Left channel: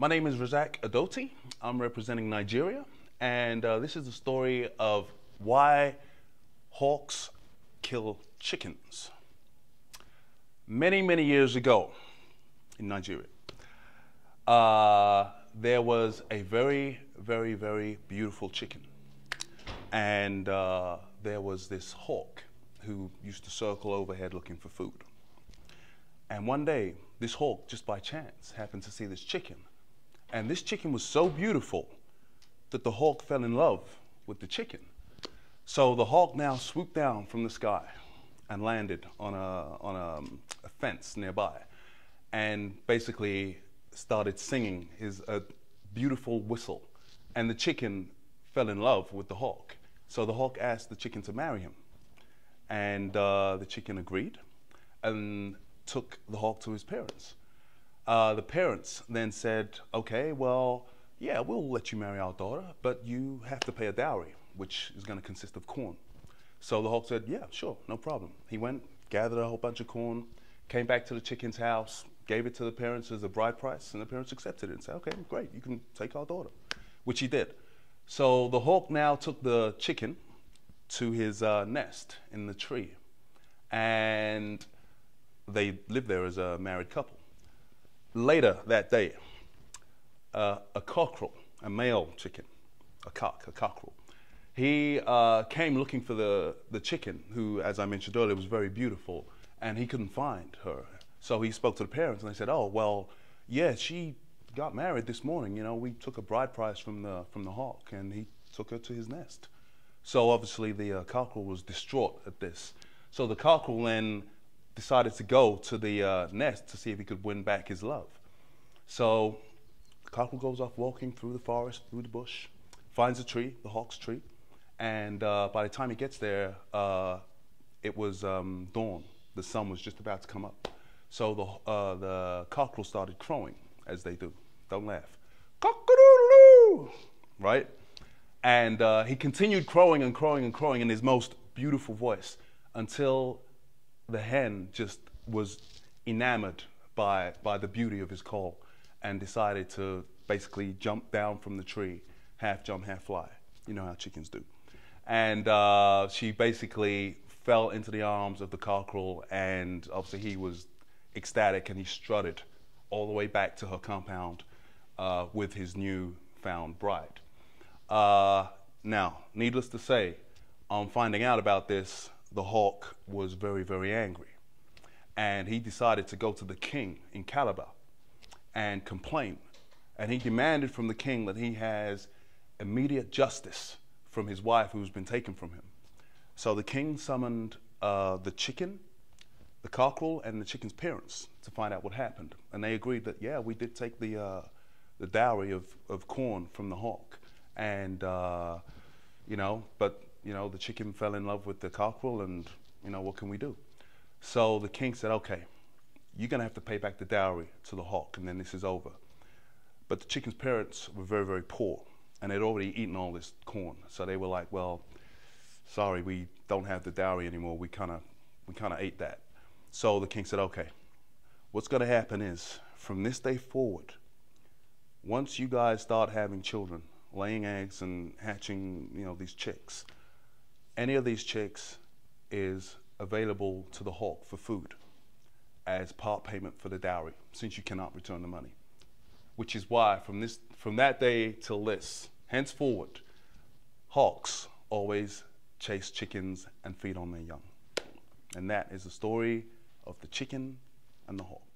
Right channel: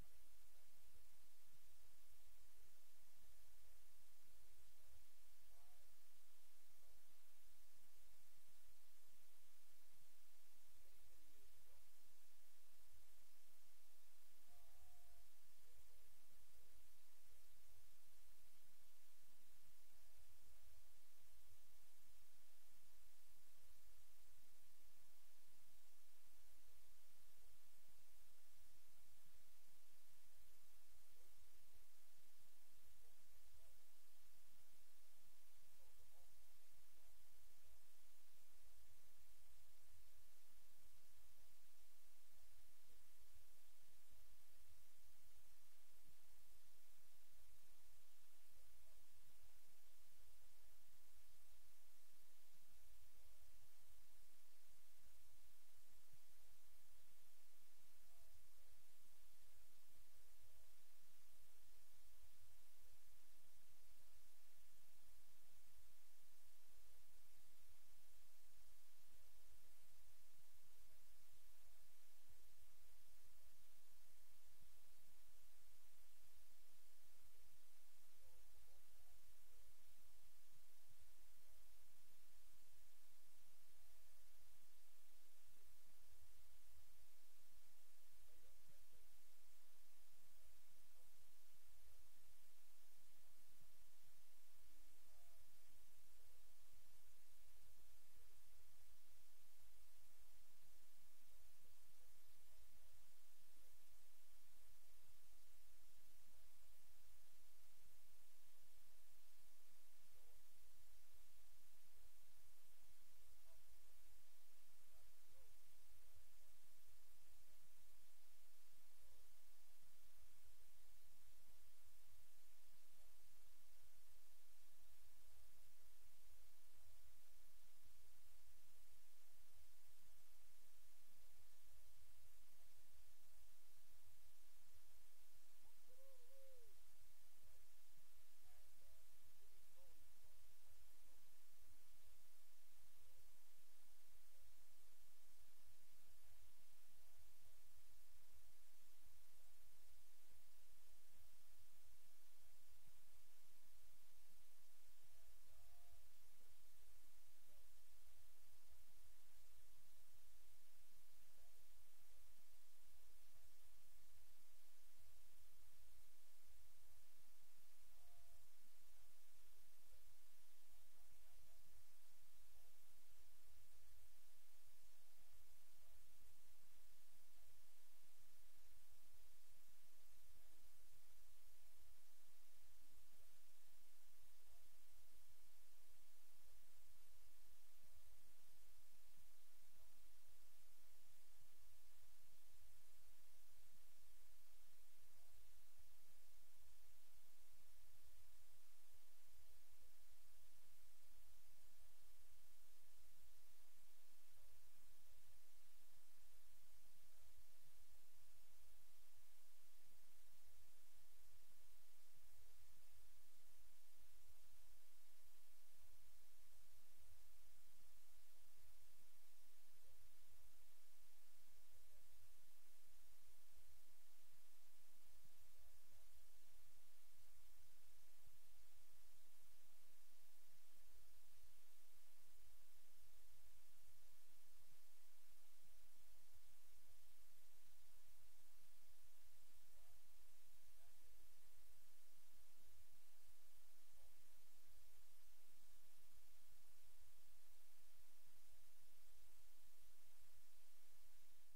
My name is Razaaq Adoti. I'm representing Nigeria, and this is the story of why hawks kill chickens. Many, many years ago in Nigeria, there was a very, very, very beautiful chicken, and there was this hawk who used to circle overhead looking for food. And one day, this hawk, just by chance, happened to see this chicken. And this chicken was so beautiful that the hawk fell in love with the chicken. So the hawk now swooped down from the sky and landed on a fence nearby, and basically started singing a beautiful whistle. And the chicken fell in love with the hawk. So the hawk asked the chicken to marry him. And the chicken agreed and took the hawk to his parents. The parents then said, okay, well, yeah, we'll let you marry our daughter, but you have to pay a dowry, which is going to consist of corn. So the hawk said, yeah, sure, no problem. He went, gathered a whole bunch of corn, came back to the chicken's house, gave it to the parents as a bride price, and the parents accepted it and said, okay, great, you can take our daughter, which he did. So the hawk now took the chicken to his nest in the tree, and they lived there as a married couple. Later that day, a cockerel, a male chicken, a cockerel, he came looking for the chicken, who, as I mentioned earlier, was very beautiful, and he couldn't find her. So he spoke to the parents, and they said, oh, well, yeah, she got married this morning. You know, we took a bride price from the hawk, and he took her to his nest. So obviously the cockerel was distraught at this. So the cockerel then decided to go to the nest to see if he could win back his love. So the cockerel goes off walking through the forest, through the bush, finds a tree, the hawk's tree, and by the time he gets there, it was dawn. The sun was just about to come up. So the cockerel started crowing, as they do. Don't laugh. Cock-a-doodle-doo! Right? And he continued crowing and crowing and crowing in his most beautiful voice until the hen just was enamored by the beauty of his call and decided to basically jump down from the tree, half jump, half fly. You know how chickens do. And she basically fell into the arms of the cockerel, and obviously he was ecstatic, and he strutted all the way back to her compound with his new-found bride. Now, needless to say, on finding out about this, the hawk was very, very angry. And he decided to go to the king in Calabar and complain. And he demanded from the king that he has immediate justice from his wife who's been taken from him. So the king summoned the chicken, the cockerel, and the chicken's parents to find out what happened. And they agreed that, yeah, we did take the dowry of corn from the hawk. And, you know, but, you know, the chicken fell in love with the cockerel, and, you know, what can we do? So the king said, okay, you're going to have to pay back the dowry to the hawk, and then this is over. But the chicken's parents were very, very poor, and they'd already eaten all this corn. So they were like, well, sorry, we don't have the dowry anymore. We kind of ate that. So the king said, okay, what's going to happen is, from this day forward, once you guys start having children, laying eggs and hatching, you know, these chicks, any of these chicks is available to the hawk for food as part payment for the dowry, since you cannot return the money. Which is why from that day till this, henceforward, hawks always chase chickens and feed on their young. And that is the story of the chicken and the hawk.